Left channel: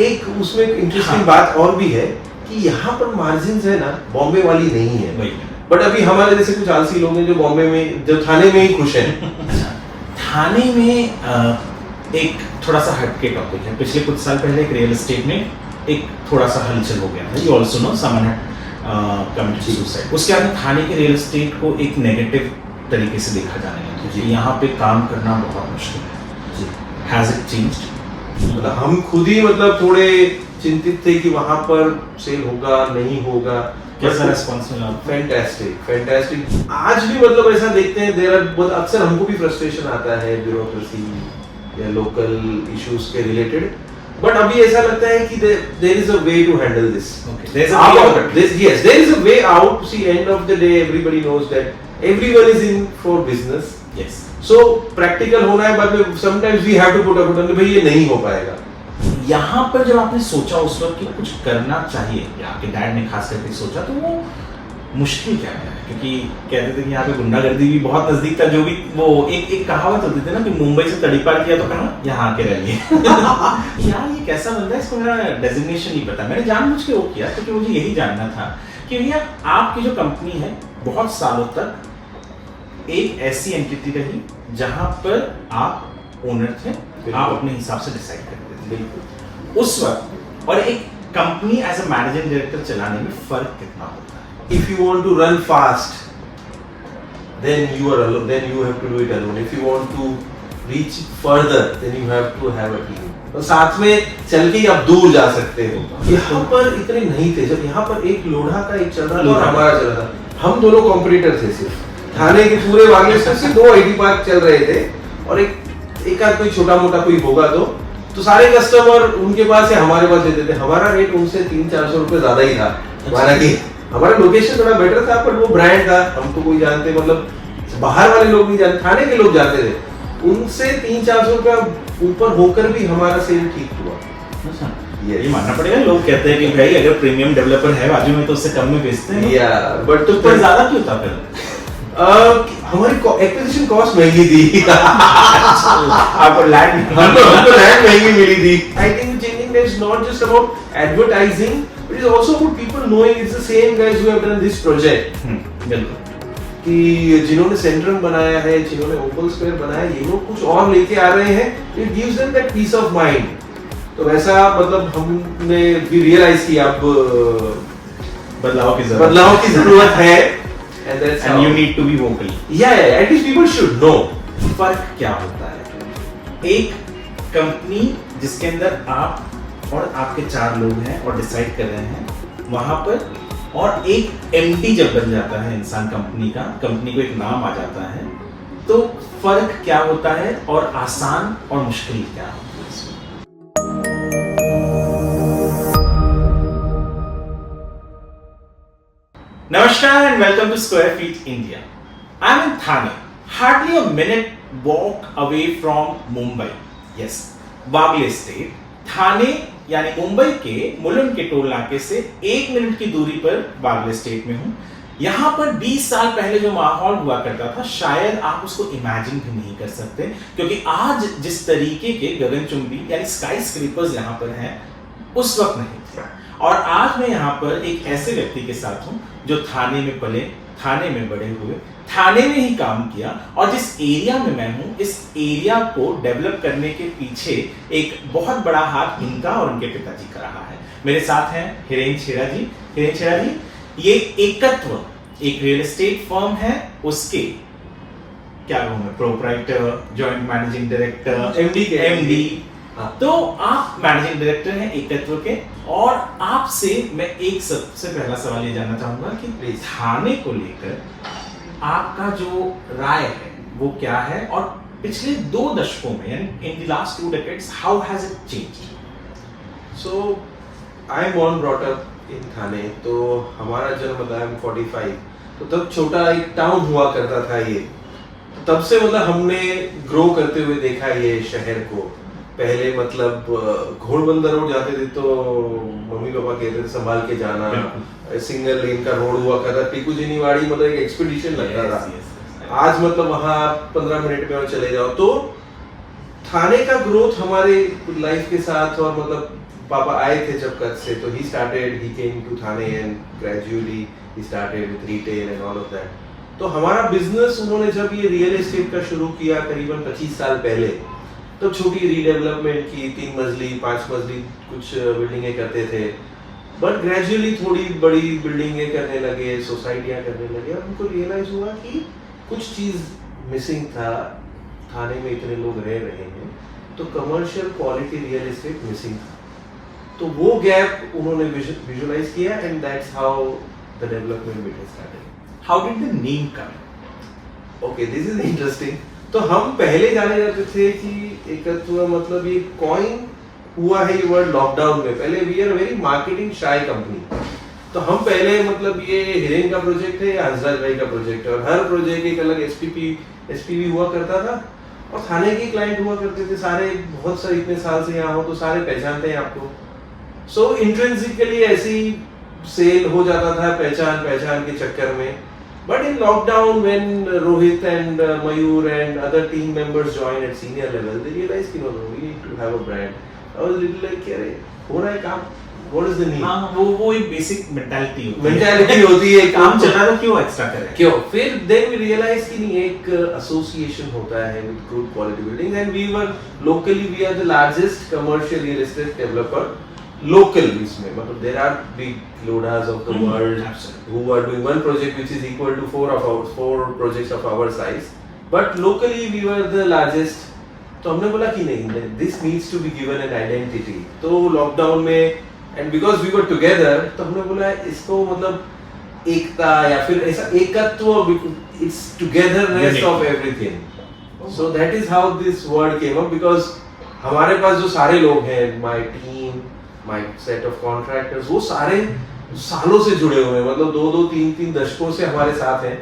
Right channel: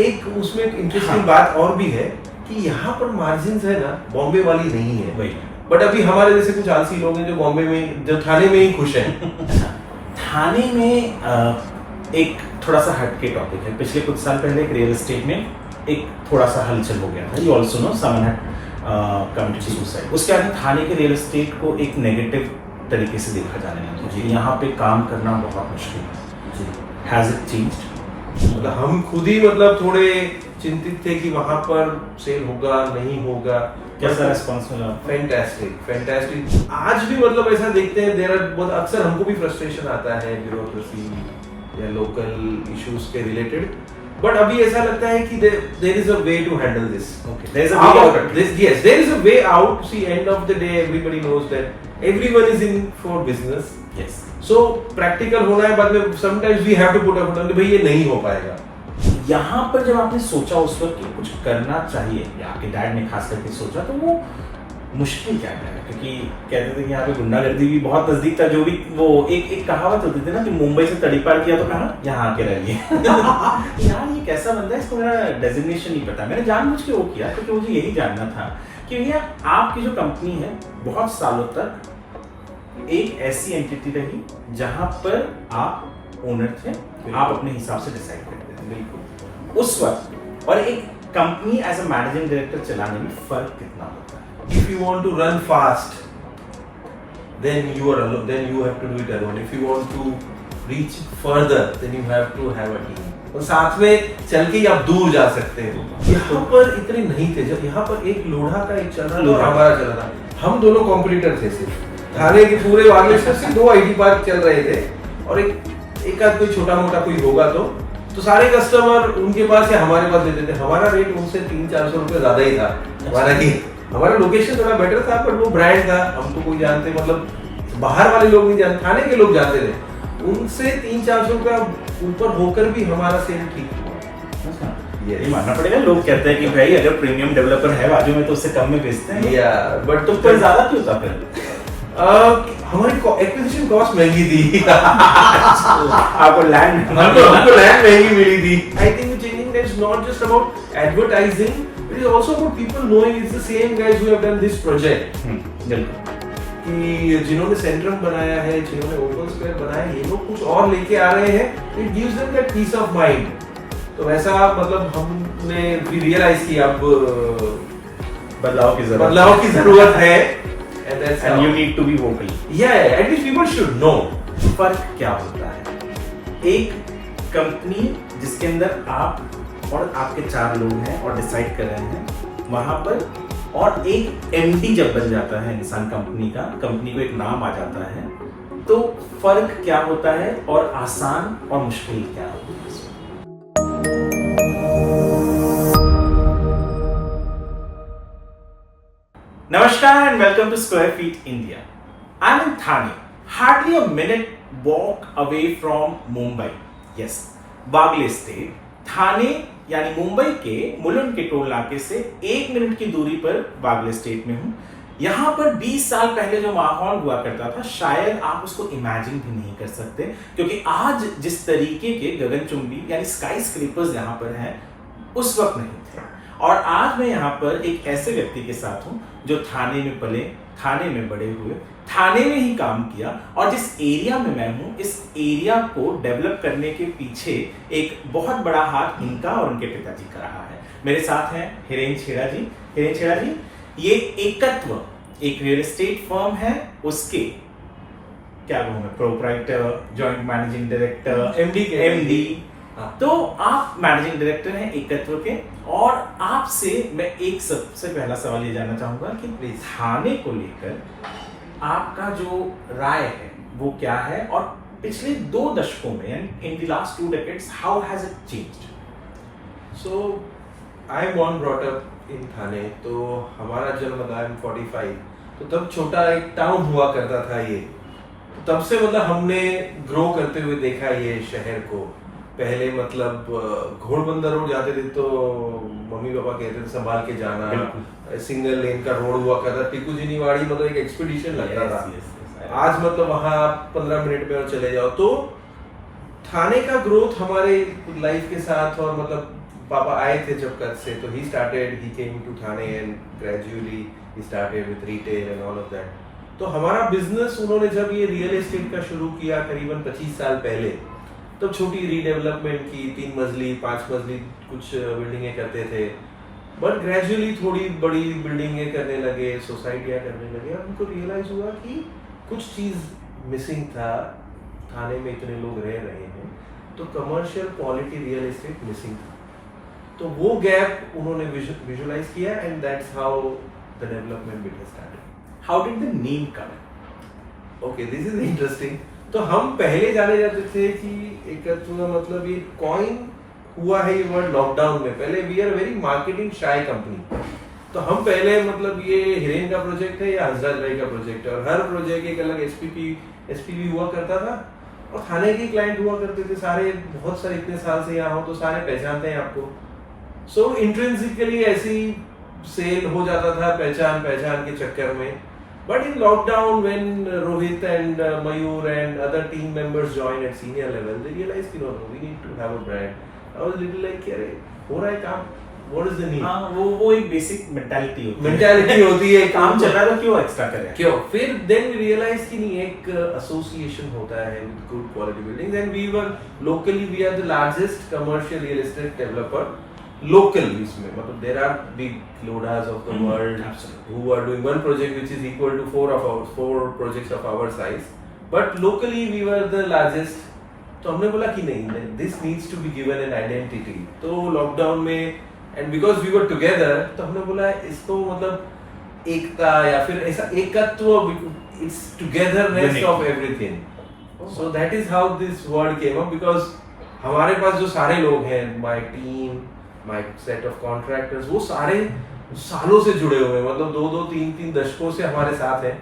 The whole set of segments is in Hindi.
एक उसमें एक इंटरेस्टिंग बात और भी है कि यहाँ पर मार्जिन है ना बॉम्बे वाली नहीं है, बट अभी हमारे जैसे कुछ आलसी लोग हैं जो बॉम्बे में जो थाने में ही खुश हैं। थाने में एक थोड़ा सा हटके टॉपिक है। पिछले कुछ साल पहले एक रियल एस्टेट में एक थोड़ा सा हलचल हो गया था। You also know someone had committed suicide. उसके बाद थाने के रियल एस्टेट को एक नेगेटिव तरीके से देखा जाने लगा कि यहाँ पे काम करना बहुत मुश्किल है। Has it changed? मतलब हम खुद ही मतलब थोड़े चिंतित थे कि वहां पर सेल होगा नहीं होगा। कैसा रिस्पांस मिला? फैंटास्टिक। आज भी मतलब ऐसा देखते हैं देयर आर, अक्सर हमको भी फ्रस्ट्रेशन आता है ब्यूरोक्रेसी या लोकल इश्यूज के रिलेटेड, बट अभी ऐसा लगता है कि there is a way to handle this. Okay, there is a way out. Yes, there is a way out. See, end of the day everybody knows that everyone is in for business. Yes. So practical होना है, बाद में sometimes we have to put a foot on, भाई ये नहीं हो पाएगा। यहाँ पर जब आपने सोचा उस वक्त कि कुछ करना चाहिए, या आपके डैड ने खास करके सोचा, तो वो मुश्किल क्या है? क्योंकि कहते थे कि यहाँ पे गुंडागर्दी भी बहुत नजदीक था। जो भी वो एक कहावत होती थी ना कि मुंबई से तड़ीपार किया तो कहा यहाँ आके रह लिए। यार ये कैसा बंदा है, इसको मेरा डेजिग्नेशन नहीं पता। मैंने जानबूझ के वो किया क्योंकि मुझे यही जानना था कि भैया आपकी जो कंपनी है बहुत सालों तक एक ऐसी एंटिटी रही जहां पर आप ओनर थे, आप अपने हिसाब से डिसाइड करते थे। बिल्कुल। उस वक्त और एक company as a managing director चलाने में फर्क कितना होता है? If you want to run fast, then you are alone. Then you have to do it alone. If you want to reach further, then you have to have a team. और साथ में चल के आप दूर जा सकते हो। यहाँ पर इतने नहीं थे। जब यहाँ पर एक लोढ़ा का एक चल रहा था, हमारा चल रहा था, हम दोनों कॉम्पिटिटर थे। सिर्फ थाने के पूरे वागे से 2 आईटी पार्क चल रहे थे, और एक आध कोई छोटा मोटा कोई होगा तो सारे कस्टमर उनके पास या हमारे पास देते थे। हमारा रेट उनसे 300-400 रुपए ज्यादा ही था। हमारा की हमारा लोकेशन थोड़ा बेटर था, पर वो ब्रांड था, हमको कोई जानते, मतलब बाहर वाले लोग नहीं जानते, थाने के लोग जानते थे। उनसे 300-400 रुपया ऊपर होकर भी हमारा सेल ठीक हुआ। ये मानना पड़ेगा। लोग कहते हैं कि भाई अगर प्रीमियम डेवलपर है बाजू में तो उससे कम में बेचते हैं। या बट तो पर ज्यादा क्यों था फिर? हमारी एक्विजिशन कॉस्ट महंगी थी। आपको लैंड महंगी मिली थी। I think changing is not just about advertising, it is also about people knowing it's the same guys who have done this project. कि जिन्होंने सेंट्रम बनाया है, जिन्होंने ओपन स्क्वायर बनाया, ये लोग कुछ और लेके आ रहे हैं, it gives them that peace of mind. तो वैसा मतलब हमने भी रियलाइज किया अब बदलाव की जरूरत है। And you need to be vocal. Yeah, at least people should know. फर्क क्या होता है एक कंपनी जिसके अंदर आप और आपके 4 लोग हैं और डिसाइड कर रहे हैं वहां पर, और एक एमडी जब बन जाता है इंसान कंपनी का, कंपनी को एक नाम आ जाता है, तो फर्क क्या होता है और आसान और मुश्किल क्या होता है? Namaskar and welcome to Square Feet India. I'm in Thane, hardly a minute walk away from Mumbai. Yes, Bagle State. थाने यानी मुंबई के मुलुंड के टोल नाके से 1 मिनट की दूरी पर बागले स्टेट में हूँ। यहाँ पर 20 साल पहले जो माहौल हुआ करता था, शायद आप उसको इमेजिन भी नहीं कर सकते, क्योंकि आज जिस तरीके के गगनचुंबी यानी स्काई स्क्रेपर्स यहाँ पर हैं, उस वक्त नहीं थे। और आज मैं यहाँ पर एक ऐसे व्यक्ति के साथ हूँ जो थाने में पले, थाने में बड़े हुए, थाने में ही काम किया, और जिस एरिया में मैं हूँ, इस एरिया को डेवलप करने के पीछे एक बहुत बड़ा हाथ इनका और उनके पिताजी का रहा है। मेरे साथ हैं हिरेन छेड़ा जी। हिरेन छेड़ा जी, ये एकत्व एक रियल एस्टेट फर्म है, उसके क्या कहूँ मैं, proprietor, joint managing director, MD. तो आप मैनेजिंग डायरेक्टर हैं एकत्व के, और आपसे मैं एक सबसे पहला सवाल ये जानना चाहूंगा कि थाने को लेकर आपका जो राय है वो क्या है, और पिछले 2 दशकों में, in the last 2 decades, how has it changed? So I am born brought up in Thane, तो हमारा जन्म था 45, तो तब छोटा एक टाउन हुआ करता था ये। तब से मतलब हमने ग्रो करते हुए देखा ये शहर को। पहले मतलब घोड़बंदर रोड जाते थे तो मम्मी पापा कहते थे संभाल के जाना, सिंगल लेन का रोड हुआ करता, टिकुजिनीवाड़ी मतलब एक एक्सपीडिशन लगता था। आज मतलब वहाँ 15 मिनट में चले जाओ। तो थाने का ग्रोथ हमारे लाइफ के साथ और मतलब पापा आए थे जब कच्छ से, तो he started, he came to Thane and gradually he started with retail and all of that. तो हमारा बिजनेस उन्होंने जब ये रियल एस्टेट का शुरू किया करीबन 25 साल पहले, तो छोटी रीडेवलपमेंट की 3 मंजिली 5 मंजिली कुछ बिल्डिंगें करते थे, बट ग्रेजुअली थोड़ी बड़ी बिल्डिंगें करने लगे, सोसाइटियां करने लगे। और उनको रियलाइज हुआ कि कुछ चीज़ मिसिंग था, थाने में इतने लोग रह रहे हैं तो commercial quality real estate missing था। तो वो गैप उन्होंने विजुअलाइज किया and that's how the development bit started. How did the name come? Okay, this is interesting. तो हम पहले जाने जाते थे कि एकत्व मतलब ये कॉइन हुआ है, ये वर्ड लॉकडाउन में। पहले we are very marketing shy company, तो हम पहले मतलब ये हिरेन का प्रोजेक्ट है या हंसराज भाई का प्रोजेक्ट है, और हर प्रोजेक्ट एक अलग एसपीवी हुआ करता था, और थाने के क्लाइंट हुआ करते थे सारे, बहुत सारे इतने साल से यहाँ हो तो सारे पहचानते हैं आपको। सो इंट्रिंसिकली ऐसी सेल हो जाता था पहचान के चक्कर में। But in lockdown when Rohit and Mayur and other team members join at senior level, they realize कि no we need to have a brand. I was little like अरे हो रहा है काम, व्हाट इज द नीड। हां, वो एक बेसिक मेंटालिटी होती है काम चल रहा है तो क्यों एक्स्ट्रा करें, क्यों। फिर देन वी रियलाइज कि नहीं, एक एसोसिएशन होता है with good quality building, and we were locally we are the largest commercial real estate developer local इसमें, मतलब there are big loads of the world who are doing one project which is equal to four projects of our size, but locally we were the largest। तो हमने बोला कि नहीं, this needs to be given an identity। तो लॉकडाउन में and because we were together, तो हमने बोला इसको मतलब एकता या फिर ऐसा एकत्व, it's togetherness of everything। So that is how this word came up, because हमारे पास जो सारे लोग हैं, my team, my set of contractors, वो सारे सालों से जुड़े हुए हैं, मतलब 2-3 दशकों से हमारे साथ हैं।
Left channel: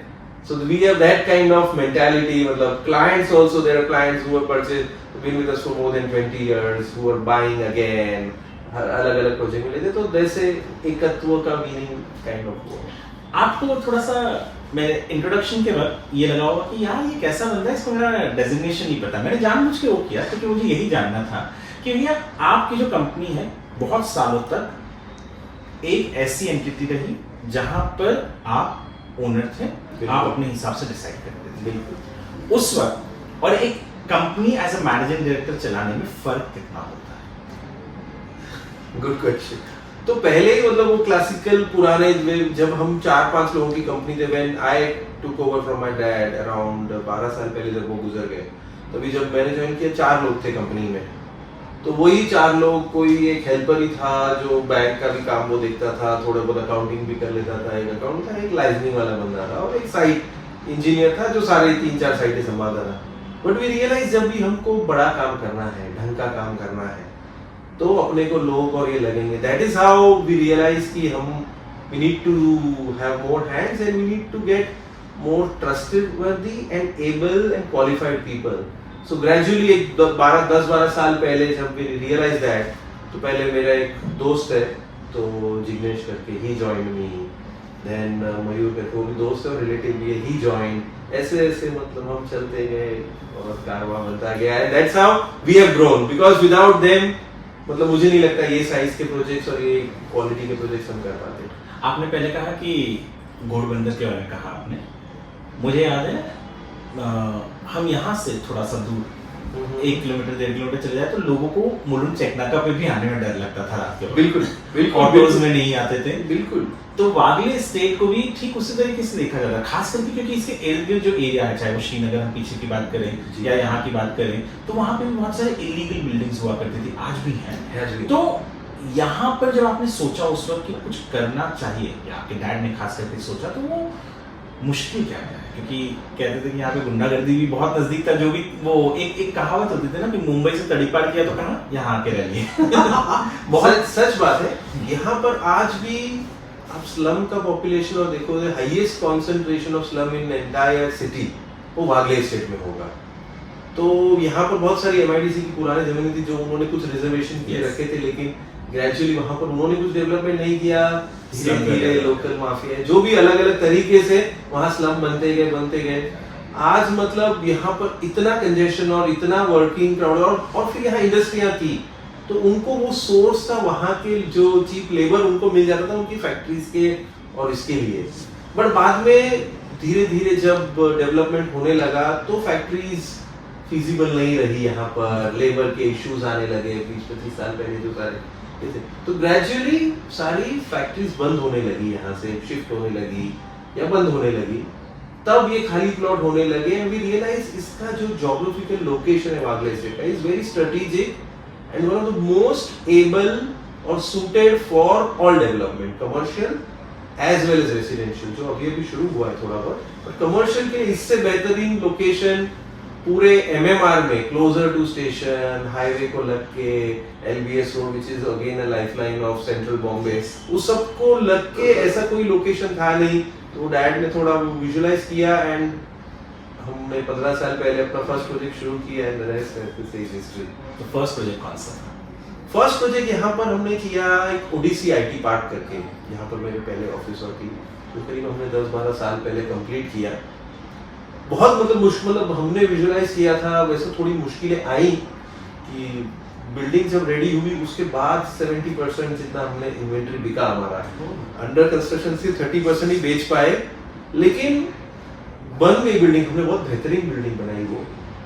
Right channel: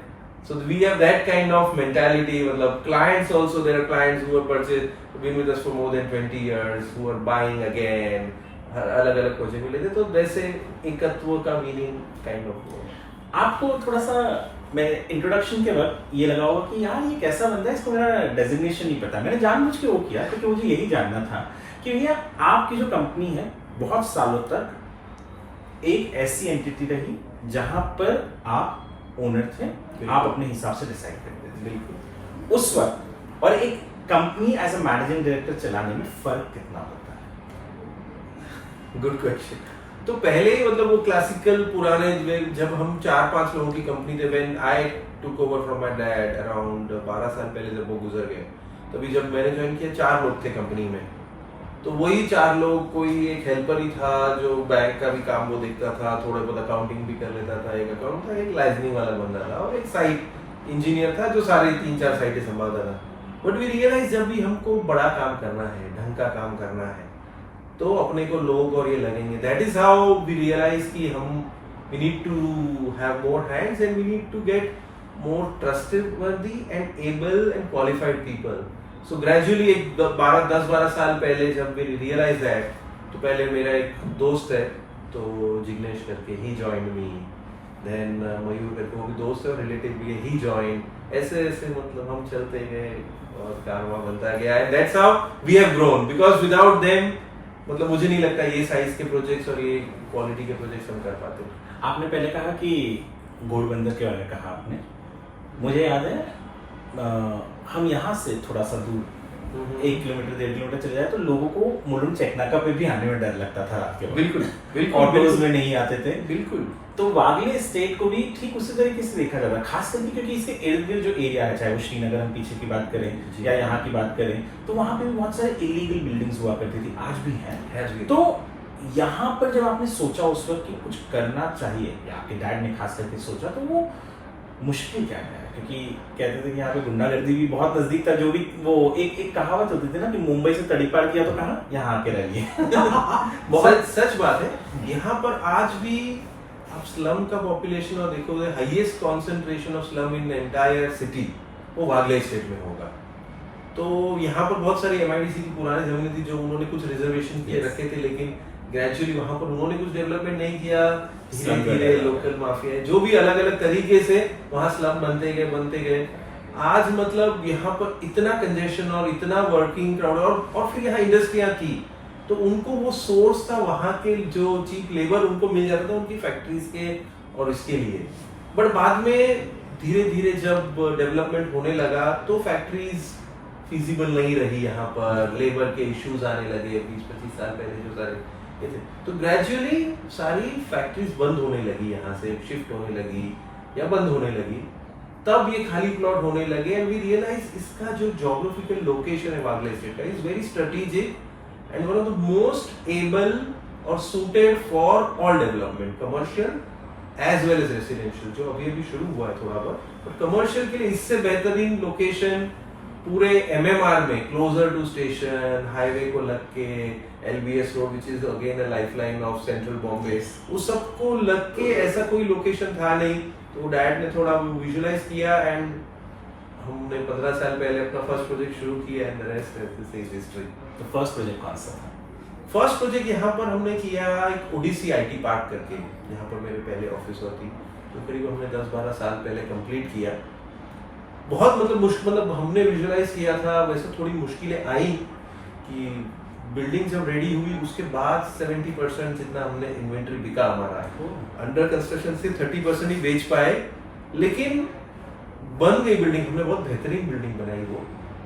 So we have that kind of mentality, मतलब clients also, there are clients who have purchased, been with us for more than 20 years, who are buying again, अलग अलग प्रोजेक्ट में लेते, तो जैसे एकत्व का मीनिंग काइंड ऑफ हुआ। आपको थोड़ा सा मैं इंट्रोडक्शन के वक्त ये लगा होगा कि यार ये कैसा बंदा है, इसको मेरा डेजिग्नेशन नहीं पता। मैंने जानबूझ के वो किया क्योंकि मुझे यही जानना था कि भैया आपकी जो कंपनी है बहुत सालों तक एक ऐसी एंटिटी रही जहां पर आप ओनर थे, आप अपने हिसाब से डिसाइड करते थे। बिल्कुल। उस वक्त और एक company as a managing director चलाने में फर्क कितना होता है? Good question. तो पहले मतलब वो क्लासिकल पुराने, जब हम 4-5 लोगों की कंपनी थे, when I took over from my dad around 12 साल पहले जब वो गुजर गए, तभी जब मैंने ज्वाइन किया 4 लोग थे कंपनी में। तो वही 4 लोग, कोई एक हेल्पर ही था जो बैंक का भी काम वो देखता था, थोड़ा बहुत अकाउंटिंग भी कर लेता था, एक अकाउंट था, एक लाइसेंसिंग वाला बंदा था, और एक साइट इंजीनियर था जो सारे 3-4 साइटें संभालता था। बट वी रियलाइज जब भी हमको बड़ा काम करना है, ढंग का काम करना है, तो अपने को लोग और ये लगेंगे। That is how we realize कि हम we need to have more hands and we need to get more trusted worthy and able and qualified people. So gradually एक 10-12 साल पहले जब वी रियलाइज दैट, तो पहले मेरा एक दोस्त है तो जिग्नेश करके, ही जॉइंड मी, देन मयूर करके वो भी दोस्त है, रिलेटिव भी है, ही जॉइंड। ऐसे ऐसे मतलब हम चलते गए और कारवां बनता गया, and that's how we have grown, because without them मतलब मुझे नहीं लगता ये साइज के प्रोजेक्ट्स और ये क्वालिटी के प्रोजेक्ट्स हम कर पाते। आपने पहले कहा कि घोड़बंदर के बारे में कहा आपने, मुझे याद है हम यहाँ से थोड़ा सा दूर 1 किलोमीटर 1.5 किलोमीटर चले जाए तो लोगों को मुलुंड चेकनाका पे भी आने में डर लगता था रात के वक्त। बिल्कुल ऑटोज में नहीं आते थे। बिल्कुल। तो वागले स्टेट को भी ठीक उसी तरीके से देखा जाता है, खास करके क्योंकि इसके इर्द गिर्द जो एरिया है, चाहे वो श्रीनगर हम पीछे की बात करें या यहाँ की बात करें, तो वहाँ पे भी बहुत सारे इलीगल बिल्डिंग्स हुआ करती थी, आज भी हैं। तो यहाँ पर जब आपने सोचा उस वक्त कि कुछ करना चाहिए, या आपके डैड ने खास करके सोचा, तो वो मुश्किल क्या है? क्योंकि कहते थे कि यहाँ पे गुंडागर्दी भी बहुत नजदीक था, जो भी वो एक कहावत होती थी ना कि मुंबई से तड़ीपार किया तो कहा यहाँ आके रह लिए। बहुत सच बात है। यहाँ पर आज भी आप स्लम का पॉपुलेशन और देखो, highest concentration of slum in entire city वो वागले स्टेट में होगा। तो यहाँ पर बहुत सारी एमआईडीसी की पुरानी जमीनें थी जो उन्होंने कुछ रिजर्वेशन किए रखे थे, लेकिन ग्रेजुअली वहाँ पर उन्होंने कुछ डेवलपमेंट नहीं किया। धीरे-धीरे लोकल माफिया जो भी अलग अलग तरीके से वहाँ स्लम बनते गए। आज मतलब यहाँ पर इतना कंजेशन और इतना वर्किंग क्राउड, और फिर यहाँ इंडस्ट्रियाँ की, तो उनको वो सोर्स था वहाँ के जो चीप लेबर उनको मिल जाता था उनकी फैक्ट्रीज के और इसके लिए। बट बाद में धीरे धीरे जब डेवलपमेंट होने लगा तो फैक्ट्रीज फिजिबल नहीं रही यहाँ पर, लेबर के इश्यूज आने लगे 20-25 साल पहले जो सारे थे, तो ग्रेजुअली सारी फैक्ट्रीज बंद होने लगी, यहाँ से शिफ्ट होने लगी या बंद होने लगी। तब ये खाली प्लॉट होने लगे एंड वी रियलाइज इसका जो ज्योग्राफिकल लोकेशन है वागले स्टेट का is very strategic and one of the most able और suited for all development, commercial as well as residential, जो अभी अभी शुरू हुआ है थोड़ा बहुत, पर कमर्शियल के लिए इससे बेहतरीन लोकेशन पूरे एमएमआर में, क्लोजर टू स्टेशन, हाईवे को लग के, LBS road which is again a lifeline of central Bombay, उस सबको लग के ऐसा कोई लोकेशन था नहीं। तो डैड ने थोड़ा विजुलाइज किया एंड हमने 15 साल पहले अपना फर्स्ट प्रोजेक्ट शुरू किया and the rest is history. तो फर्स्ट प्रोजेक्ट कौन सा था? फर्स्ट प्रोजेक्ट यहाँ पर हमने किया एक ओडिसी आईटी पार्क करके, यहाँ पर मेरे पहले ऑफिस थी, तो करीब हमने 10-12 साल पहले कंप्लीट किया। बहुत मतलब हमने विजुलाइज किया था, वैसे थोड़ी मुश्किलें आई कि बिल्डिंग जब रेडी हुई उसके बाद 70% जितना हमने इन्वेंटरी बिका हमारा, अंडर कंस्ट्रक्शन से 30% ही बेच पाए, लेकिन बन गई बिल्डिंग। हमने बहुत बेहतरीन बिल्डिंग बनाई, वो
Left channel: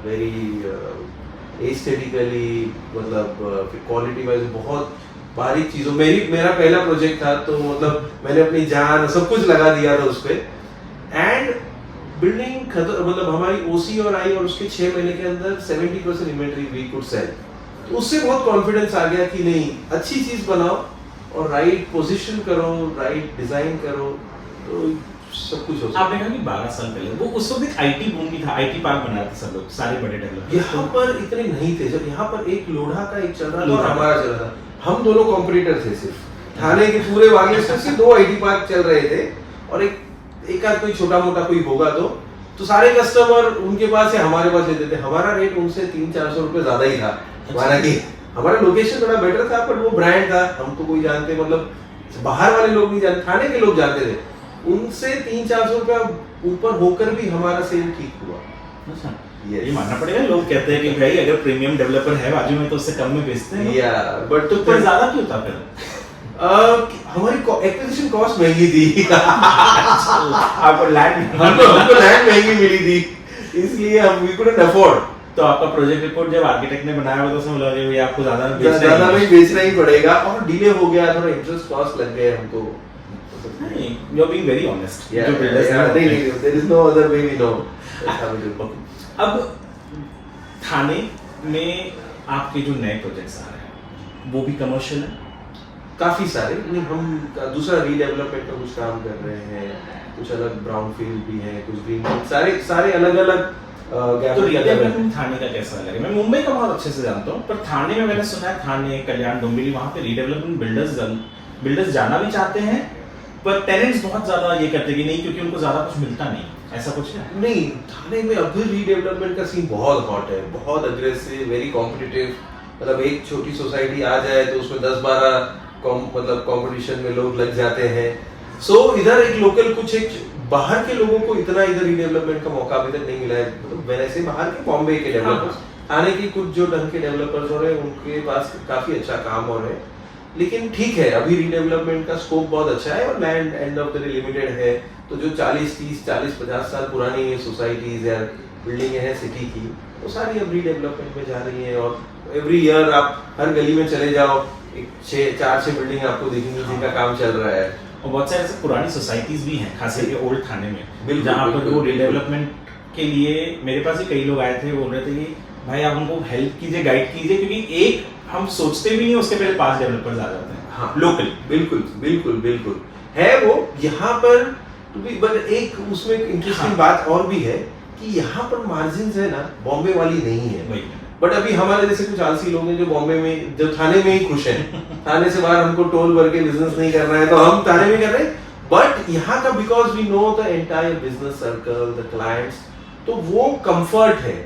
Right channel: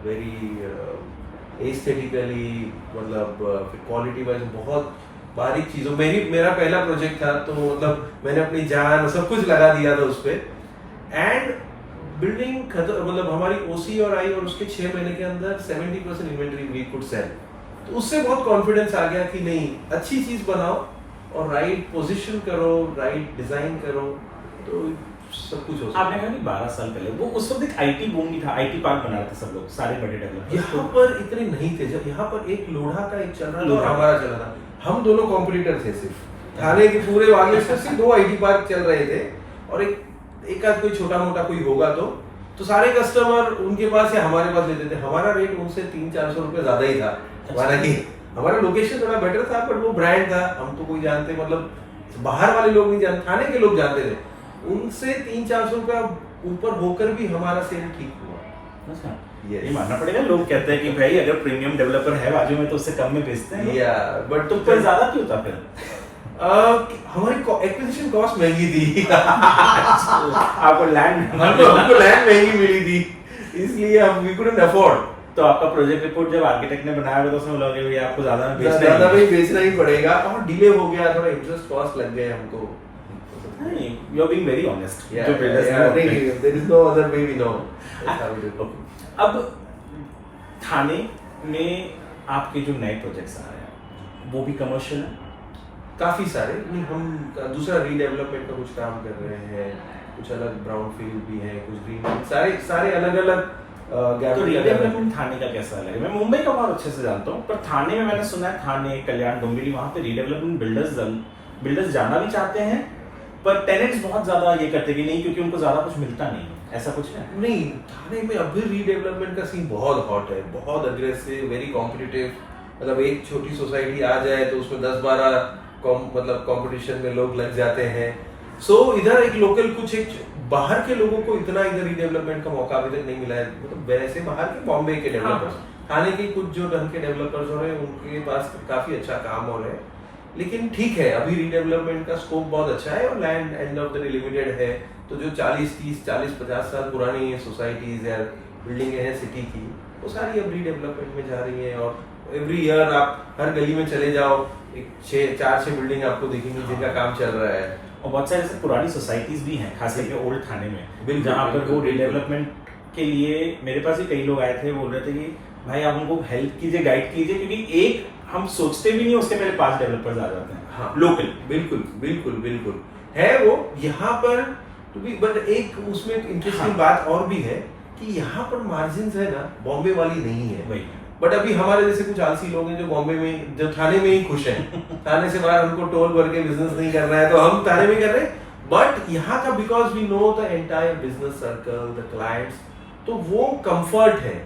वेरी एस्थेटिकली, मतलब क्वालिटी वाइज बहुत बारीक चीजों, मेरा पहला प्रोजेक्ट था तो मतलब मैंने अपनी जान सब कुछ लगा दिया था उस पे। एंड बिल्डिंग मतलब हमारी ओसी और आई और उसके 6 महीने के अंदर 70% इन्वेंटरी वी कुड सेल। तो उससे बहुत कॉन्फिडेंस आ गया कि नहीं, अच्छी चीज बनाओ और राइट पोजीशन करो, राइट डिजाइन करो, तो सब कुछ हो सकता है। आपने कहा कि 12 साल पहले वो उस वक्त एक आईटी बूम भी था, आईटी पार्क बना रहे थे सब लोग, सारे बड़े डेवलपर्स। यहाँ पर इतने नहीं थे, जब यहाँ पर एक लोढ़ा का एक चल रहा था, हमारा चल रहा था, हम दोनों कॉम्पिटिटर थे सिर्फ, थाने के पूरे वागे से सिर्फ 2 आईटी पार्क चल रहे थे और एक आध कोई छोटा मोटा कोई होगा तो सारे कस्टमर उनके पास या हमारे पास लेते थे। हमारा रेट उनसे 300-400 रुपए ज्यादा ही था, हमारा की हमारा लोकेशन थोड़ा बेटर था, पर वो ब्रांड था, हमको कोई जानते, मतलब बाहर वाले लोग नहीं जानते, थाने के लोग जानते थे। उनसे 300-400 रुपया ऊपर होकर भी हमारा सेल ठीक हुआ। अच्छा, Yes. ये मानना पड़ेगा, लोग कहते हैं कि भाई अगर प्रीमियम डेवलपर है बाजू में तो उससे कम में बेचते हैं। या बट तो पर ज्यादा क्यों था फिर? हमारी एक्विजिशन कॉस्ट महंगी थी। आपको लैंड हमको लैंड महंगी मिली थी, इसलिए हम वी कुडंट अफोर्ड। तो आपका प्रोजेक्ट रिपोर्ट जब आर्किटेक्ट ने बनाया तो उसमें बोला कि भाई आपको ज्यादा में बेचना ही पड़ेगा, और डिले हो गया, थोड़ा इंटरेस्ट कॉस्ट लग गए हमको। नहीं, you are being very honest. Yeah, जो builders yeah, ने होते हैं। नहीं, there is no other way we know. That's how we do. अब थाने में आपके जो नए प्रोजेक्ट्स आ रहे हैं वो भी कमर्शियल है? काफी सारे नहीं, हम दूसरा रीडेवलपमेंट का कुछ काम कर रहे हैं, कुछ अलग ब्राउन फील्ड भी है, कुछ ग्रीन, सारे अलग अलग तो रीडेवलपमेंट थाने का कैसा अलग है? मैं मुंबई का बहुत अच्छे से जानता हूँ, पर थाने में मैंने सुना है, थाने, कल्याण, डोंबिवली, वहाँ पे रीडेवलपमेंट बिल्डर्स जाना भी चाहते हैं, पर टेनेंट्स बहुत ज्यादा ये करते कि नहीं, क्योंकि उनको ज्यादा कुछ मिलता नहीं, ऐसा कुछ है? नहीं, थाने में अभी रीडेवलपमेंट का सीन बहुत हॉट है, बहुत अग्रेसिव, वेरी कॉम्पिटिटिव। मतलब एक छोटी सोसाइटी आ जाए तो उसमें 10-12 मतलब कंपटीशन में लोग लग जाते हैं। सो इधर एक लोकल कुछ एक बाहर के लोगों को इतना इधर रीडेवलपमेंट का मौका अभी तक नहीं मिला है। मतलब वैसे बाहर के बॉम्बे के डेवलपर्स, थाने के कुछ जो ढंग के डेवलपर्स हो रहे हैं उनके पास काफी अच्छा काम हो रहा है, लेकिन ठीक है, अभी रीडेवलपमेंट का स्कोप बहुत अच्छा है और land and of the day limited है। तो जो 40-50 साल पुरानी सोसाइटीज या बिल्डिंग है सिटी की, वो सारी अब रीडेवलपमेंट में जा रही है। और एवरी ईयर आप हर गली में चले जाओ, 4-6 बिल्डिंग आपको दिखेंगी जिनका काम चल रहा है। और बहुत सारे ऐसे पुरानी सोसाइटीज भी हैं, खास करके ओल्ड थाने में, जहाँ पर बिल्कुल, वो रीडेवलपमेंट के लिए मेरे पास ही कई लोग आए थे, बोल रहे थे कि भाई आप उनको हेल्प कीजिए, गाइड कीजिए, क्योंकि एक हम सोचते भी नहीं उसके पहले 5 डेवलपर्स आ जाते हैं। हाँ, लोकल बिल्कुल है वो यहाँ पर। तो भी बट एक उसमें इंटरेस्टिंग बात और भी है कि यहाँ पर मार्जिन है ना, बॉम्बे वाली नहीं है। बट अभी हमारे जैसे कुछ आलसी लोग हैं जो बॉम्बे में, जो थाने में ही खुश हैं। थाने से बाहर हमको टोल भर के बिजनेस नहीं करना है, तो हम थाने में कर रहे हैं। बट यहाँ का because we know the entire business circle, the clients, तो वो कंफर्ट है।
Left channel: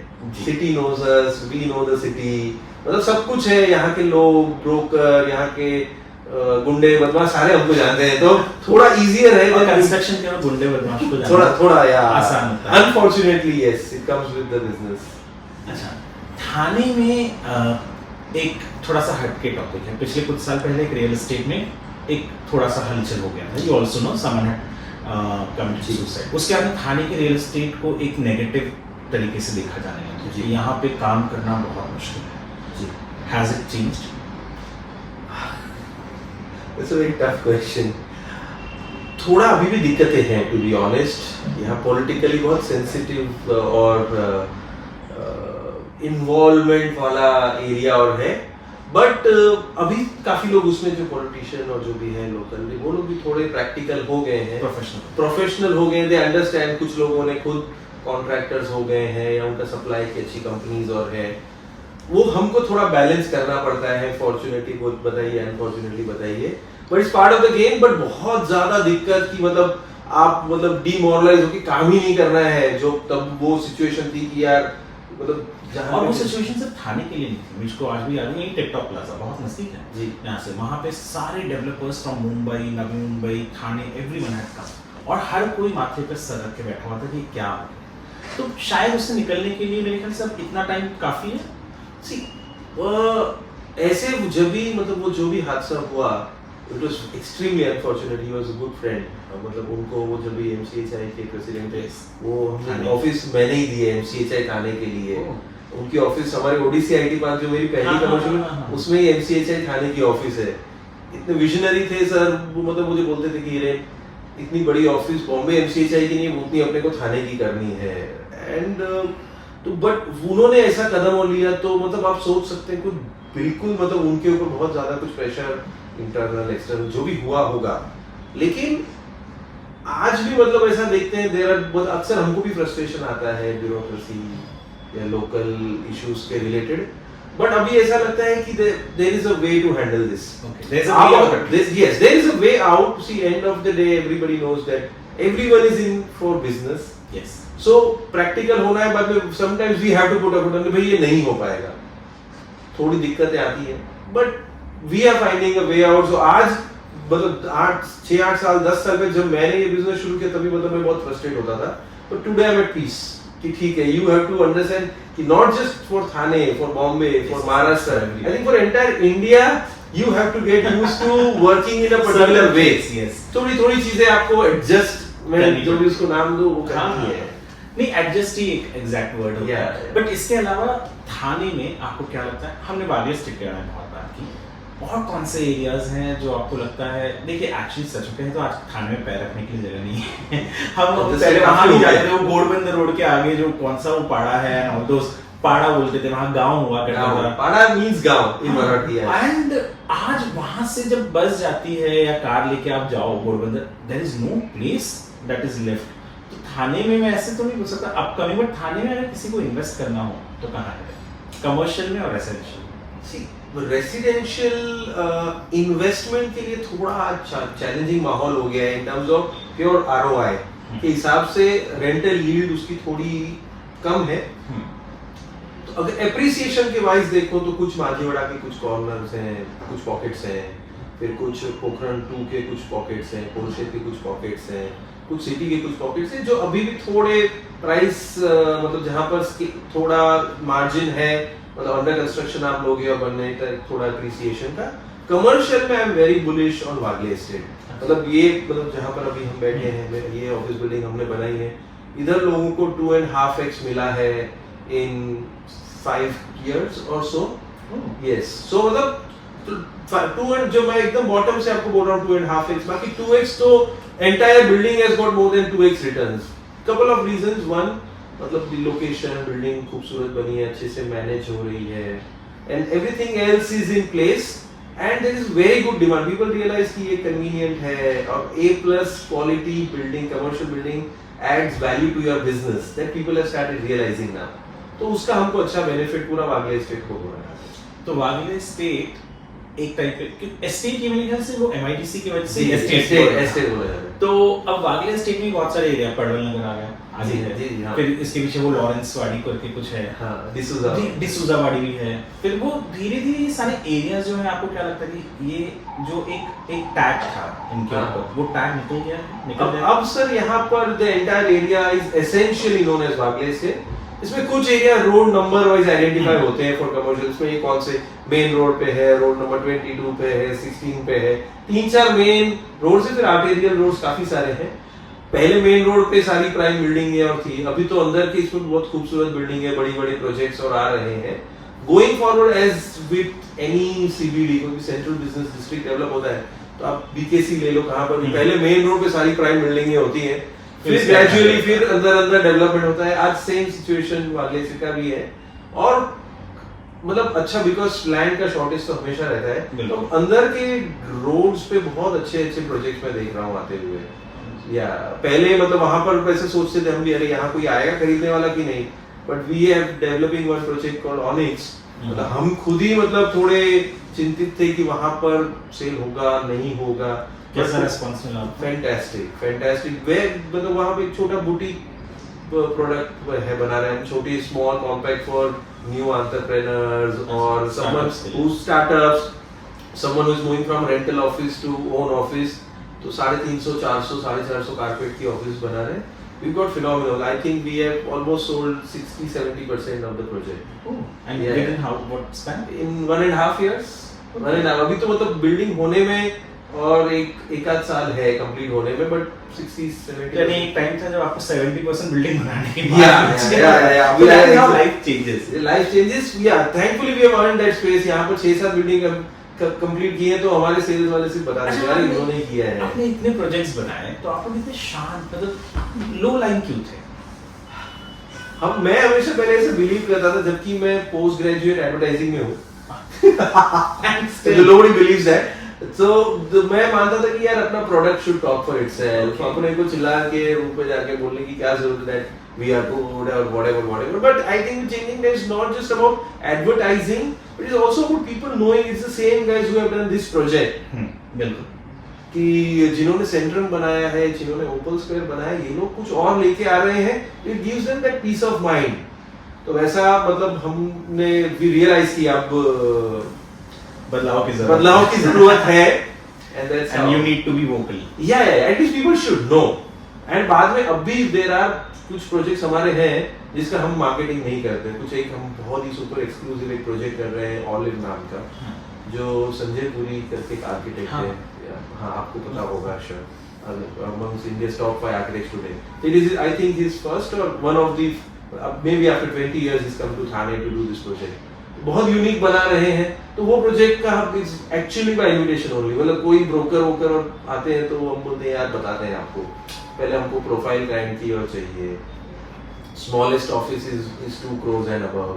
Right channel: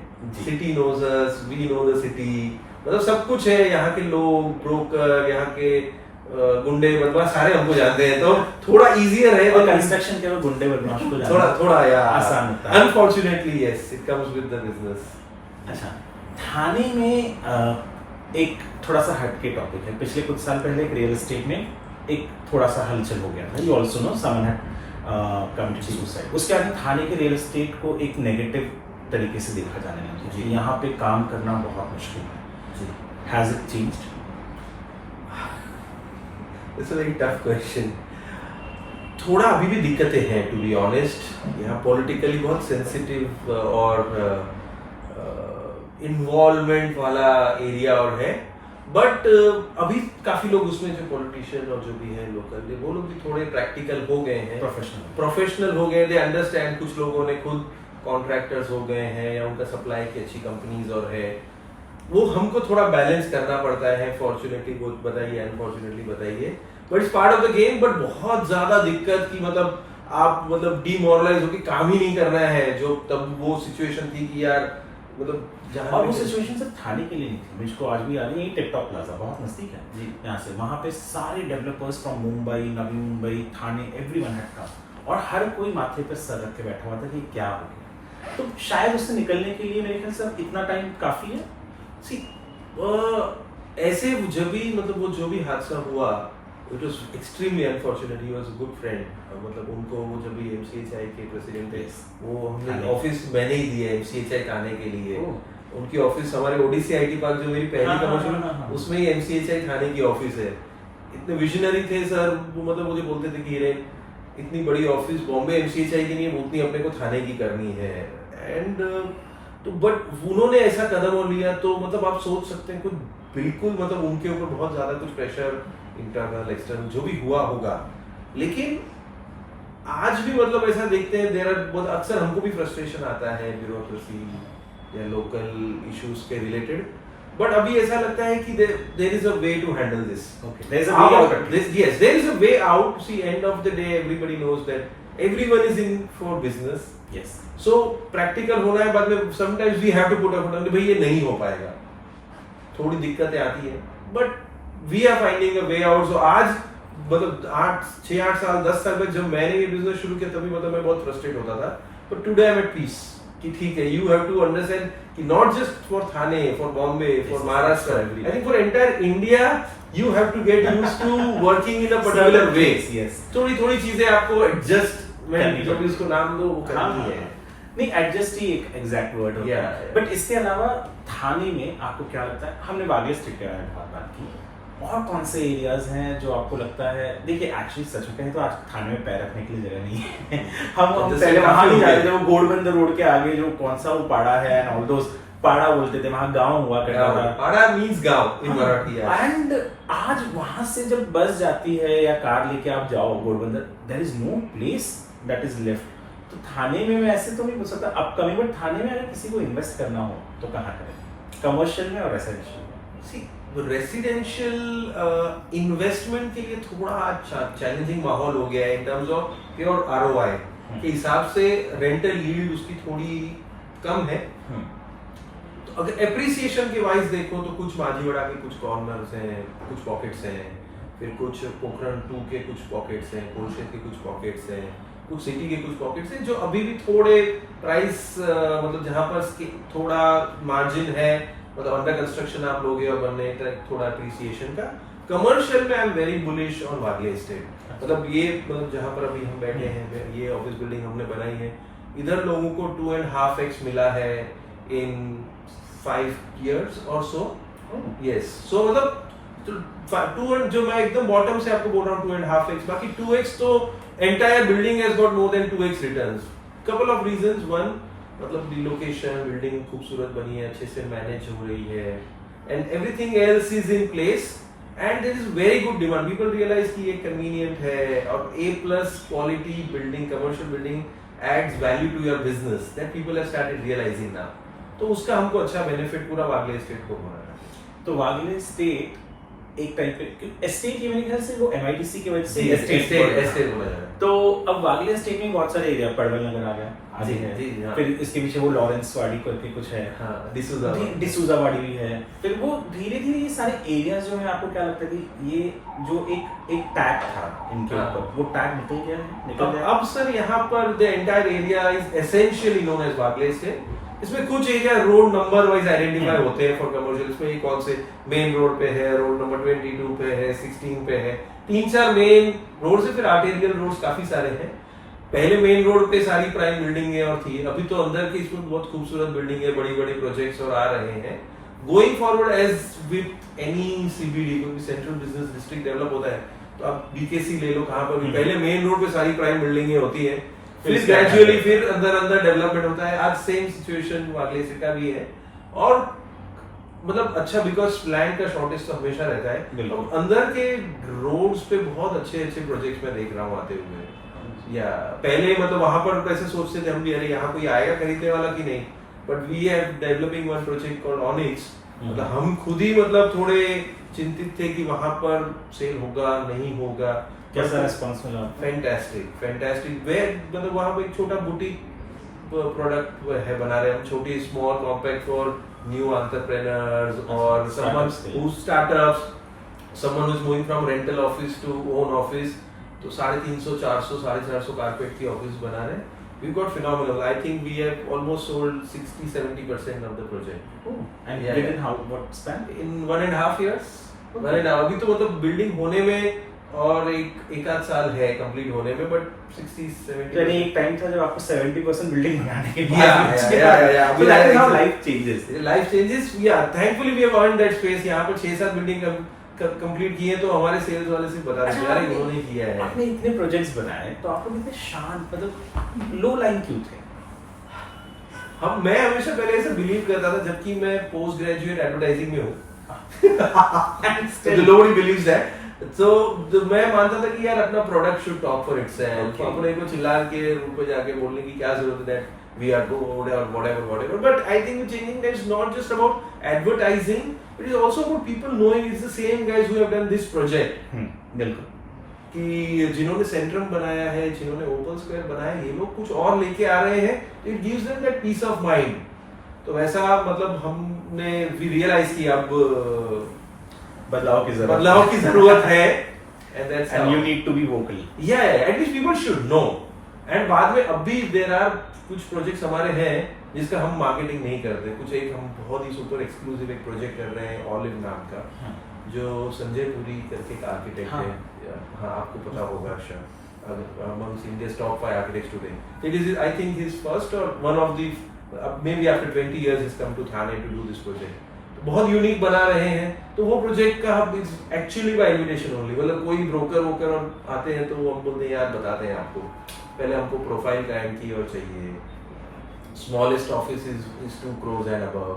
City knows us, we know the city, मतलब सब कुछ है। यहाँ के लोग, ब्रोकर, यहाँ के गुंडे बदमाश सारे हमको जानते हैं, तो थोड़ा इजियर है। कंस्ट्रक्शन के गुंडे बदमाश को जानना थोड़ा या आसान होता है। Unfortunately yes, it comes with the business. अच्छा, थाने में एक थोड़ा सा हटके टॉपिक है। पिछले कुछ साल पहले एक रियल एस्टेट में एक थोड़ा सा हलचल हो गया था। You also know someone had committed suicide. उसके बाद थाने के रियल एस्टेट को एक नेगेटिव तरीके से देखा जाने लगा कि यहाँ पे काम करना बहुत मुश्किल है जी। Has it changed? It's a very tough question. थोड़ा अभी भी दिक्कतें हैं टू बी ऑनेस्ट। यहाँ पॉलिटिकली बहुत सेंसिटिव और इन्वॉल्वमेंट वाला एरिया और है, बट अभी काफी लोग उसमें जो पॉलिटिशियन और जो भी है लोकल वो लोग भी थोड़े प्रैक्टिकल हो गए हैं, प्रोफेशनल हो गए। They understand. कुछ लोगों ने खुद कॉन्ट्रैक्टर्स हो गए हैं या उनका सप्लाई की अच्छी कंपनीज और है। वो हमको थोड़ा बैलेंस करना पड़ता है। फॉर्चुनेटली बताइए, अनफॉर्चुनेटली बताइए, but it's part of the game. But बहुत ज्यादा दिक्कत की मतलब आप मतलब डिमोरलाइज होकर काम ही नहीं करना है, जो तब वो सिचुएशन थी कि यार मतलब और वो सिचुएशन सिर्फ थाने के लिए नहीं थी। मुझको आज भी याद है, यही टिकटॉक प्लाजा बहुत नजदीक है जी यहाँ से। वहाँ पे सारे developers from Mumbai, Navi Mumbai, Thane, everyone had come, और हर कोई माथे पे सर रख के बैठा हुआ था कि क्या हो गया। तो शायद उससे निकलने के लिए मेरे ख्याल से अब इतना टाइम काफी है। सी ऐसे जब भी मतलब वो जो भी हादसा हुआ, it was extremely unfortunate. He was a good friend. मतलब उनको वो जब भी एमसीएचआई के प्रेसिडेंट थे, वो हमने ऑफिस मैंने ही दिए एमसीएचआई थाने के लिए। उनकी ऑफिस हमारे ओडीसी आईटी पार्क जो मेरी पहली कमर्शियल, उसमें ही एमसीएचआई थाने की ऑफिस है। इतने विजनरी थे सर। मतलब मुझे बोलते थे कि इतनी बड़ी ऑफिस बॉम्बे एमसीएचआई की नहीं है, उतनी अपने को थाने की करनी है। एंड तो बट उन्होंने ऐसा कदम और लिया, तो मतलब आप सोच सकते हैं कुछ बिल्कुल मतलब उनके ऊपर बहुत ज्यादा कुछ प्रेशर इंटरनल एक्सटर्नल जो भी हुआ होगा। लेकिन आज भी मतलब ऐसा देखते हैं देर आर अक्सर हमको भी फ्रस्ट्रेशन आता है ब्यूरोक्रेसी या लोकल इश्यूज के रिलेटेड, बट अभी ऐसा लगता है कि there is a way to handle this. There is a way out. Yes, there is a way out. See end of the day everybody knows that everyone is in for business. Yes, so practical होना है। बाद में sometimes we have to put up भाई ये नहीं हो पाएगा, थोड़ी दिक्कतें आती है, but we are finding a way out. So आज मतलब 6-8 साल 10 साल में जब मैंने ये बिजनेस शुरू किया तभी मतलब मैं बहुत फ्रस्ट्रेट होता था, but today I am at peace कि ठीक है, यू हैव टू अंडरस्टैंड कि not just for Thane, for Bombay, for Maharashtra, I think for entire India you have to get used to working in a particular way. Yes, थोड़ी चीजें आपको एडजस्ट में जो भी उसको नाम दो वो करनी है। नहीं, एडजस्ट ही एक एग्जैक्ट वर्ड होता है। बट इसके अलावा थाने में आपको क्या लगता है? हमने वालिया स्ट्रीट के बारे में बहुत बात की, और कौन से एरियाज हैं जो आपको लगता है? देखिए एक्चुअली सच में कहें तो आज थाने में पैर रखने के लिए जगह नहीं है। हम पहले वहां नहीं जाते थे, वो गोडबंदर रोड के आगे जो कौन सा वो पाड़ा है, ऑल दोस पाड़ा बोलते थे, वहां गांव हुआ करता था। पाड़ा मींस गांव इन मराठी। एंड आज वहां से जब बस जाती है या कार लेके आप जाओ Ghodbunder, there is no place that is left. तो थाने में मैं ऐसे तो नहीं बोल सकता अपकमिंग, बट थाने में अगर किसी को इन्वेस्ट करना हो तो कहाँ करें? कमर्शियल में और रेसिडेंशियल में? रेसिडेंशियल इन्वेस्टमेंट के लिए थोड़ा चैलेंजिंग माहौल हो गया है in terms of pure ROI के हिसाब से। रेंटल यील्ड उसकी थोड़ी कम है। तो अगर एप्रिसिएशन के वाइज देखो तो कुछ माझीवाड़ा के कुछ कॉर्नर्स हैं, कुछ पॉकेट्स हैं, फिर कुछ पोखरण 2 के कुछ पॉकेट्स हैं, कोलशेत के कुछ पॉकेट्स हैं, कुछ सिटी के कुछ पॉकेट्स हैं जो अभी भी थोड़े प्राइस मतलब जहां पर थोड़ा मार्जिन है, मतलब अंडर कंस्ट्रक्शन आप लोगे और बनने तक थोड़ा एप्रिसिएशन का। कमर्शियल में I am very bullish on Wagle estate. मतलब ये मतलब जहां पर अभी हम बैठे हैं, ये ऑफिस बिल्डिंग हमने बनाई है, इधर लोगों को 2.5x मिला है इन 5 years और सो। यस, सो मतलब 2 जो मैं एकदम बॉटम से आपको बोल रहा हूँ 2.5x, बाकी 2x तो entire building has got more than 2x returns. Couple of reasons. One, मतलब लोकेशन, बिल्डिंग खूबसूरत बनी है, अच्छे से मैनेज हो रही है, and everything else is in place, and there is very good demand. People realize कि ये कन्वीनियंट है और A+ quality building, commercial building adds value to your business, that people have started realizing now. तो उसका हमको अच्छा बेनिफिट पूरा वागले एस्टेट को हो रहा है। तो वागले एस्टेट एक टाइप के एस्टेट की मेरे ख्याल से वो MIDC की वजह से एस्टेट बोला जाता है। तो अब वागले एस्टेट में बहुत सारे एरिया, पड़वल नगर आ गए, आगे है, फिर इसके पीछे वो लॉरेंस वाड़ी करके कुछ है, डिसूजा वाड़ी भी है। फिर वो धीरे धीरे ये सारे एरियाज जो है, आपको क्या लगता है कि ये जो एक टैग था इनके ऊपर, वो टैग निकल गया है? अब सर यहाँ पर the entire area is essentially known as Wagle estate. इसमें कुछ area road number wise identify होते हैं फॉर कमर्शियल, इसमें ये कौन से मेन रोड पे है, रोड नंबर 22 पे है, 16 पे है, 3-4 मेन रोड से फिर आर्टेरियल रोड्स काफी सारे हैं। पहले मेन रोड पे सारी प्राइम बिल्डिंग और थी, अभी तो अंदर की इसमें बहुत खूबसूरत बिल्डिंग है, बड़ी बड़ी प्रोजेक्ट्स और आ रहे हैं। Going forward as with any CBD, क्योंकि सेंट्रल बिजनेस डिस्ट्रिक्ट डेवलप होता है, तो आप बीकेसी ले लो, कहाँ पर भी पहले मेन रोड पे सारी प्राइम बिल्डिंगें होती हैं, फिर ग्रेजुअली फिर अंदर अंदर डेवलपमेंट होता है। आज सेम सिचुएशन वागलेसी का भी है, और मतलब अच्छा बिकॉज लैंड का शॉर्टेज तो हमेशा रहता है, तो अंदर के रोड्स पे बहुत अच्छे अच्छे प्रोजेक्ट्स मैं देख रहा हूँ आते हुए। या पहले मतलब वहां पर पैसे सोचते थे हम भी, अरे यहाँ कोई आएगा खरीदने वाला कि नहीं, but we have developing one project called Onyx, मतलब हम खुद ही मतलब थोड़े चिंतित थे कि वहां पर सेल होगा नहीं होगा। कैसा रिस्पांस मिला? फैंटास्टिक वे, मतलब वहां पे एक छोटा बुटीक प्रोडक्ट है बना रहे हैं हम, छोटी small compact for new entrepreneurs और someone who startups, someone who is moving from rental office to own office. तो 350, 400, 450 कारपेट की ऑफिस बना रहे हैं। We've got phenomenal. I think we have almost sold 60-70% of the project. Oh, and Yeah. within what span? In 1.5 years. Okay. 1.5. अभी तो मतलब बिल्डिंग होने में और एक आध साल है कंप्लीट होने में, बट 60-70. यानी एक टाइम था जब आपको 70% बिल्डिंग बनाने के Yeah. So that is how life changes. Life changes. Yeah. Thankfully we have earned that space. यहाँ पर 6-7 बिल्डिंग कंप्लीट किए, तो हमारे सेल्स वाले सिर्फ बता रहे हैं यार इन्होंने किया है। आपने इतने प्रोजेक्ट्स बनाए, तो आप लोग इतने शांत, मतलब लो लाइन क्यों थे? मैं हमेशा पहले ऐसे बिलीव करता था, जबकि मैं पोस्ट ग्रेजुएट एडवर्टाइजिंग में हूँ। Nobody believes that. So मैं मानता था कि यार अपना product should talk for itself, अपने को चिल्ला के रूम पे जाके बोलने की क्या जरूरत है that we are good or whatever. But I think changing is not just about advertising, it is also about people knowing it's the same guys who have done this project. बिल्कुल। कि जिन्होंने सेंट्रम बनाया है, जिन्होंने ओपन स्क्वायर बनाया है, ये लोग कुछ और लेके आ रहे हैं, it gives them that peace of mind. तो वैसा मतलब हमने भी रियलाइज किया अब बदलाव की जरूरत है, and you need to be vocal. Yeah, at least people should know. And बाद में अब भी there are कुछ प्रोजेक्ट्स हमारे हैं जिसका हम मार्केटिंग नहीं करते। कुछ एक हम बहुत ही सुपर एक्सक्लूसिव एक प्रोजेक्ट कर रहे हैं ऑलिव नाम का, जो संजय पुरी करके एक आर्किटेक्ट है। हाँ, आपको पता होगा शायद, amongst India's top 5 architects today. It is, I think, his first or one of the, maybe after 20 years he's come to Thane to do this project. बहुत यूनिक बना रहे हैं, तो वो प्रोजेक्ट का हम एक्चुअली बाय इनविटेशन ओनली, मतलब कोई ब्रोकर वोकर और आते हैं तो वो हम बोलते हैं यार बताते हैं आपको, पहले हमको प्रोफाइल क्लाइंट की और चाहिए, smallest office is 2 crores and above,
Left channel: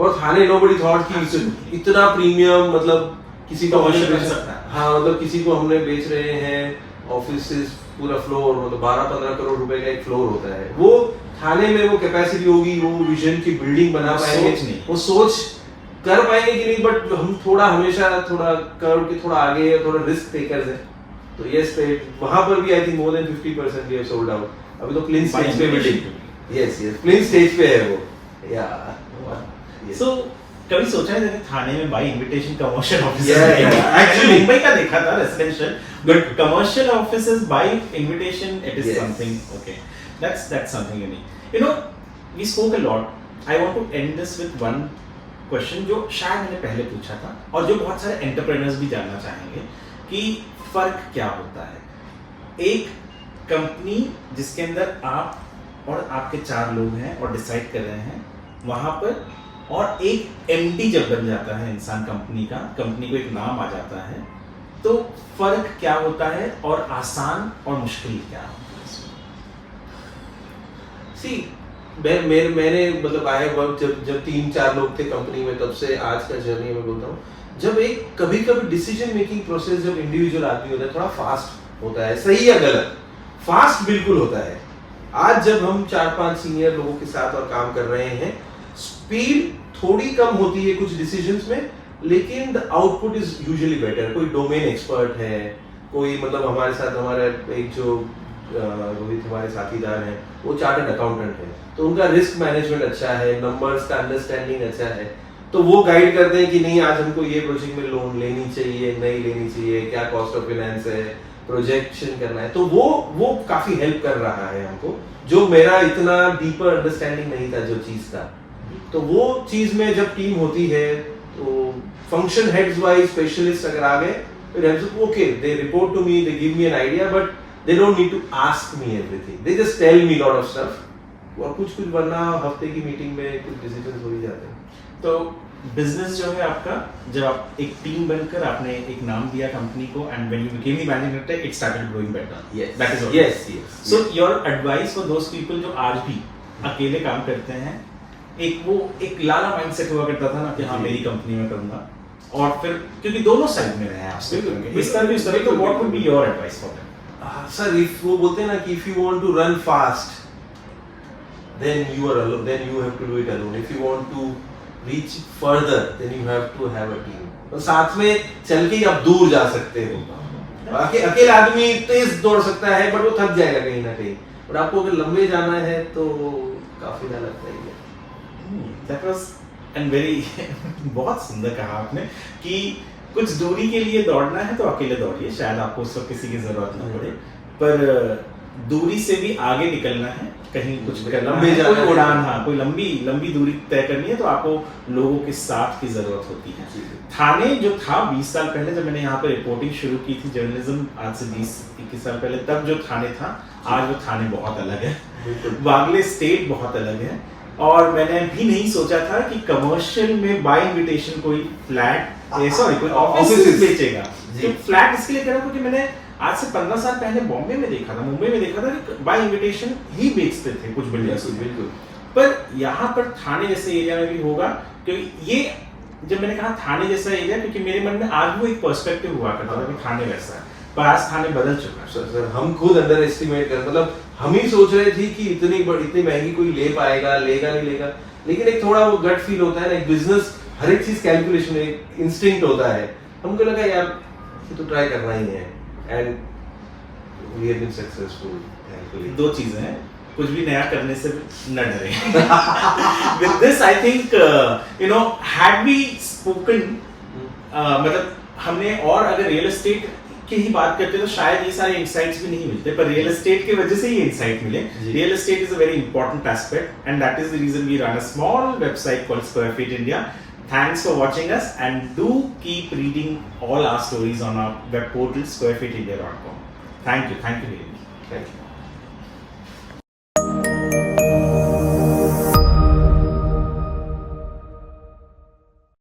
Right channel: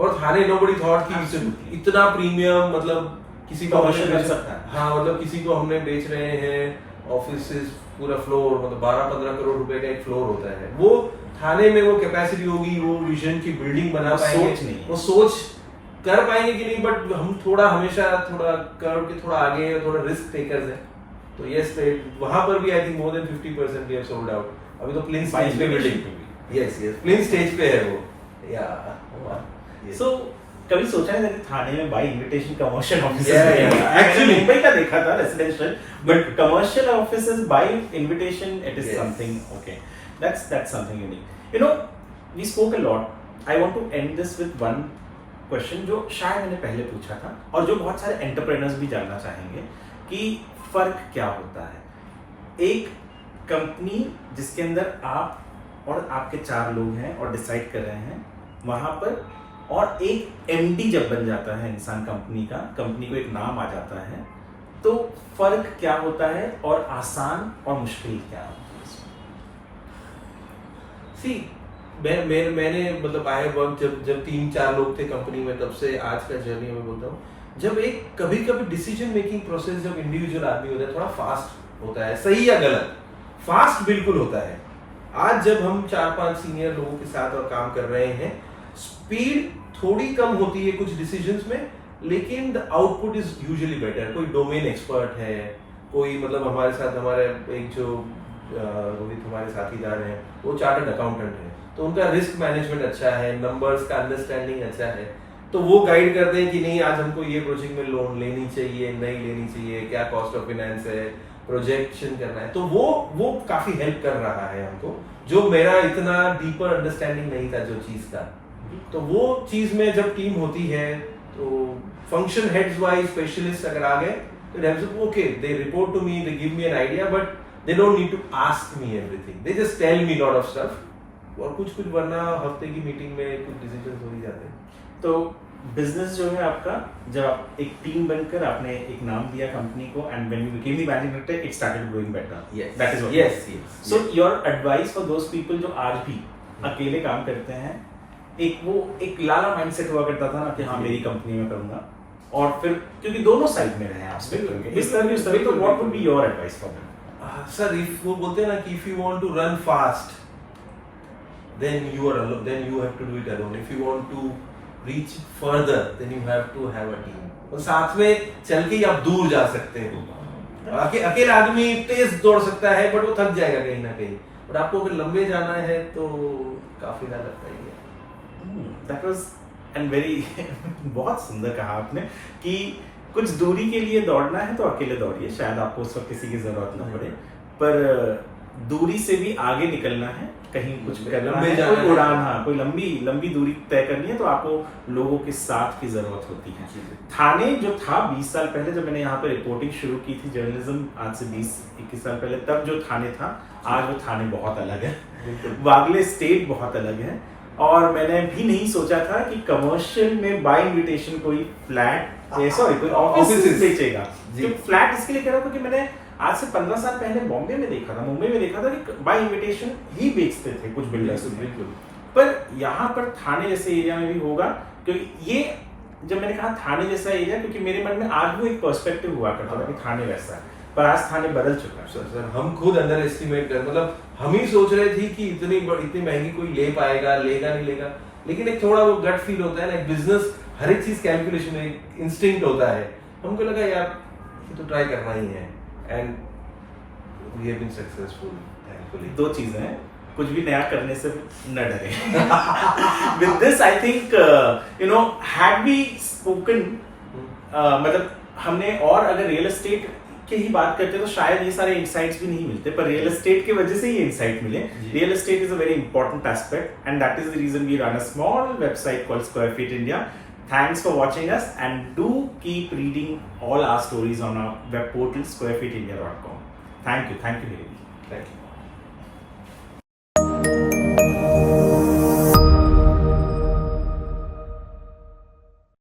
और थाने nobody thought कि इतना प्रीमियम, मतलब किसी को कमर्शियल कर सकता है। हाँ, मतलब किसी को हमने बेच रहे हैं ऑफिसेस पूरा फ्लोर, मतलब 12-15 करोड़ रुपए का एक फ्लोर होता है, वो थाने में वो कैपेसिटी होगी, वो विजन की बिल्डिंग बना पाएंगे, वो सोच कर पाएंगे कि नहीं, बट हम थोड़ा हमेशा थोड़ा कर्व के थोड़ा आगे, थोड़ा रिस्क टेकर्स है। तो यस, वहां पर भी I think more than 50% we have sold out. अभी तो प्लेन स्टेज पे बिल्डिंग, यस प्लेन स्टेज पे है वो। या सो कभी सोचा है कि थाने में by invitation commercial office actually Mumbai का देखा था residential, but commercial offices by invitation, it is something okay, that's something unique. You know, we spoke a lot, I want to end this with one question जो शायद मैंने पहले पूछा था, और जो बहुत सारे एंटरप्रेन्योर्स भी जानना चाहेंगे कि फर्क क्या होता है एक कंपनी जिसके अंदर आप और आपके 4 लोग हैं और डिसाइड कर रहे हैं वहां पर, और एक एमडी जब बन जाता है इंसान कंपनी का, कंपनी को एक नाम आ जाता है, तो फर्क क्या होता है और आसान और मुश्किल क्या होता है इसमें? सी मैंने मतलब आए वक्त जब 3-4 लोग थे कंपनी में, तब से आज का जर्नी में बोलता हूँ, जब एक कभी डिसीजन मेकिंग प्रोसेस जब इंडिविजुअल आदमी होता है थोड़ा फास्ट होता है, सही या गलत, फास्ट बिल्कुल होता है। आज जब हम 4-5 सीनियर लोगों के साथ और काम कर रहे हैं, स्पीड थोड़ी कम होती है कुछ डिसीजंस में, लेकिन the output is usually better. कोई डोमेन एक्सपर्ट है, कोई मतलब हमारे साथ हमारा एक जो रोहित हमारे साथीदार हैं, वो चार्टर्ड अकाउंटेंट है, तो उनका रिस्क मैनेजमेंट अच्छा है, नंबर्स का अंडरस्टैंडिंग अच्छा है, तो वो गाइड करते हैं कि नहीं आज हमको ये प्रोजेक्ट में लोन लेनी चाहिए नहीं लेनी चाहिए, क्या कॉस्ट ऑफ फाइनेंस है, प्रोजेक्शन करना है, तो वो काफी हेल्प कर रहा है हमको, जो मेरा इतना डीपर अंडरस्टैंडिंग नहीं था जो चीज था। तो वो चीज में जब टीम होती है तो फंक्शन हेड्स वाइज स्पेशलिस्ट अगर आ गए, okay they report to me, they give me an idea, but they don't need to ask me everything, they just tell me lot of stuff, और कुछ वरना हफ्ते की मीटिंग में कुछ डिसीजंस हो ही जाते हैं। तो बिजनेस जो है आपका, जब आप एक टीम बनकर आपने एक नाम दिया कंपनी को, and when you became the managing director it started growing better. Yes. That is Yes. So your advice for those people जो आज भी अकेले काम करते हैं, एक लाला माइंडसेट हुआ करता था ना कि हाँ मेरी कंपनी में करूंगा, और फिर क्योंकि दोनों साइड में रहे हैं आप, इस तरह तो what would be your advice for them? Sir if वो बोलते हैं ना कि if you want to run fast then you are alone, then you have to do it alone. If you want to reach further then you have to have a team, और साथ में चल के ही आप दूर जा सकते हो। अकेला आदमी तेज दौड़ सकता है बट वो थक जाएगा कहीं ना कहीं, और आपको अगर लंबे जाना है तो काफी ना लगता ही है। दैट वाज एंड वेरी बहुत सुंदर कहा आपने कि कुछ दूरी के लिए दौड़ना है तो अकेले दौड़िए, शायद आपको उस वक्त किसी की जरूरत ना पड़े, पर दूरी से भी आगे निकलना है, कहीं कुछ करना है, कोई उड़ान, हाँ कोई लंबी दूरी तय करनी है तो आपको लोगों के साथ की जरूरत होती है। थाने जो था 20 साल पहले जब मैंने यहाँ पे रिपोर्टिंग शुरू की थी जर्नलिज्म, आज से 20-21 साल पहले, तब जो थाने था आज वो थाने बहुत अलग है, वागले स्टेट बहुत अलग है, और मैंने भी नहीं सोचा था कि कमर्शियल में बाय इन्विटेशन कोई फ्लैट कोई ऑफिस बेचेगा। तो फ्लैट इसके लिए कह रहा हूँ क्योंकि मैंने आज से 15 साल पहले बॉम्बे में देखा था, मुंबई में देखा था कि बाय इन्विटेशन ही बेचते थे कुछ बिल्डर्स। बिल्कुल, पर यहाँ पर थाने जैसे एरिया में भी होगा, क्योंकि ये जब मैंने कहा थाने जैसा एरिया, क्योंकि मेरे मन में आज वो एक पर्सपेक्टिव हुआ करता था कि थाने वैसा है, पर आज थाने बदल चुका है। सर हम खुद अंडर एस्टिमेट कर, मतलब हम ही सोच रहे थे कि इतनी महंगी कोई ले पाएगा, लेगा नहीं लेगा, लेकिन एक थोड़ा वो गट फील होता है ना, एक बिजनेस हर एक चीज कैलकुलेशन, एक इंस्टिंक्ट होता है, हमको लगा यार ये तो ट्राई करना ही है, and we have been successful thankfully. दो चीजें हैं, कुछ भी नया करने से न डरे। With this I think you know had we spoken, मतलब हमने, और अगर रियल एस्टेट की ही बात करते तो शायद ये सारे इंसाइट्स भी नहीं मिलते, पर रियल एस्टेट की वजह से ये इंसाइट मिले। Real estate is a very important aspect and that is the reason we run a small website called square feet India. Thanks for watching us, and do keep reading all our stories on our web portal squarefeetindia.com. Thank you very much. Thank you.